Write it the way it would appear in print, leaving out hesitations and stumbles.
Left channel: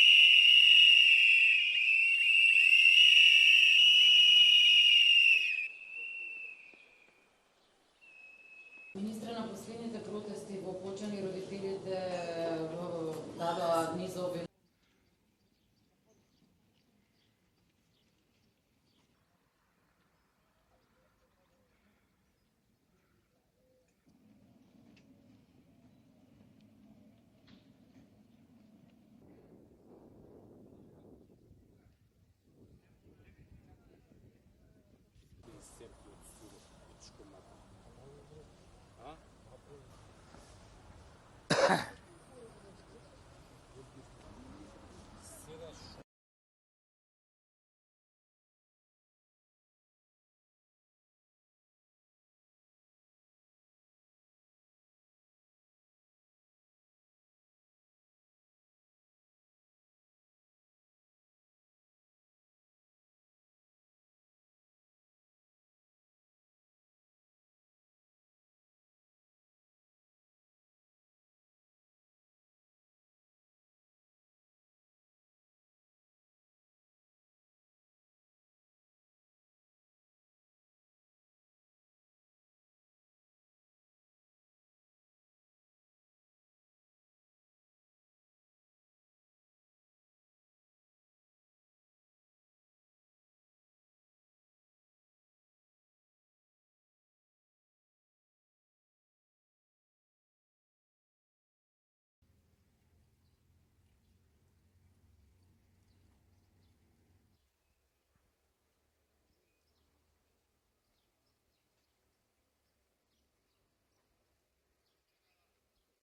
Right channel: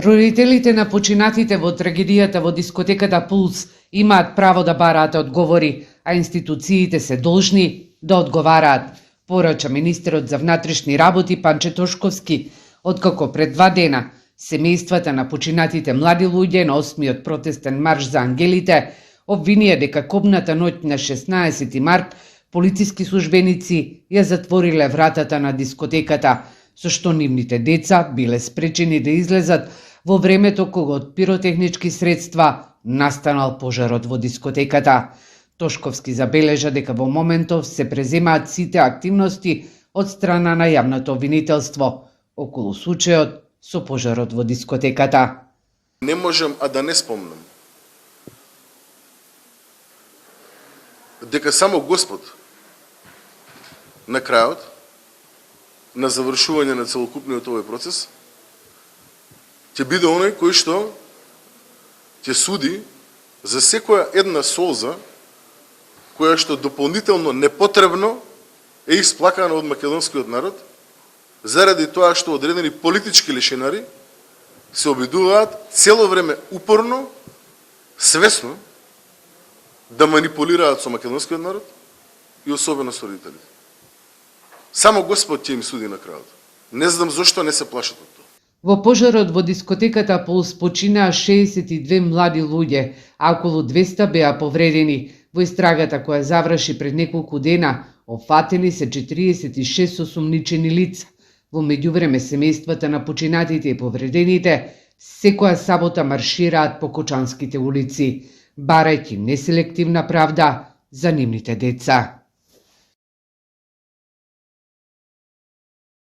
Родителите на починатите во трагедијата во дискотеката Пулс имаат право да бараат одговори, а институциите се должни да одговараат, порача министерот за внатрешни работи Панче Тошковски, откако пред 2 дена семејствата на починатите млади луѓе на 8-миот протестен марш за ангелите обвинија дека кобната ноќ на 16 март полициски службеници ја затвориле вратата на дискотеката, со што нивните деца биле спречени да излезат во времето кога од пиротехнички средства настанал пожарот во дискотеката. Тошковски забележа дека во моментов се преземаат сите активности од страна на јавното обвинителство околу случајот со пожарот во дискотеката. Не можам да не спомнам дека само Господ на крајот, на завршување на целокупниот овој процес, ќе биде оној кој што ќе суди за секоја една солза која што дополнително непотребно е исплакана од македонскиот народ, заради тоа што одредени политички лишенари се обидуваат цело време упорно, свесно да манипулираат со македонскиот народ и особено со родителите. Само Господ ќе им суди на крајот. Не знам зошто не се плашат од тоа. Во пожарот во дискотеката Пулс починаа 62 млади луѓе, а околу 200 беа повредени. Во истрагата која заврши пред неколку дена, опфатени се 46 осумничени лица. Во меѓувреме семејствата на починатите и повредените секоја сабота маршираат по кочанските улици, барајќи неселективна правда за нивните деца.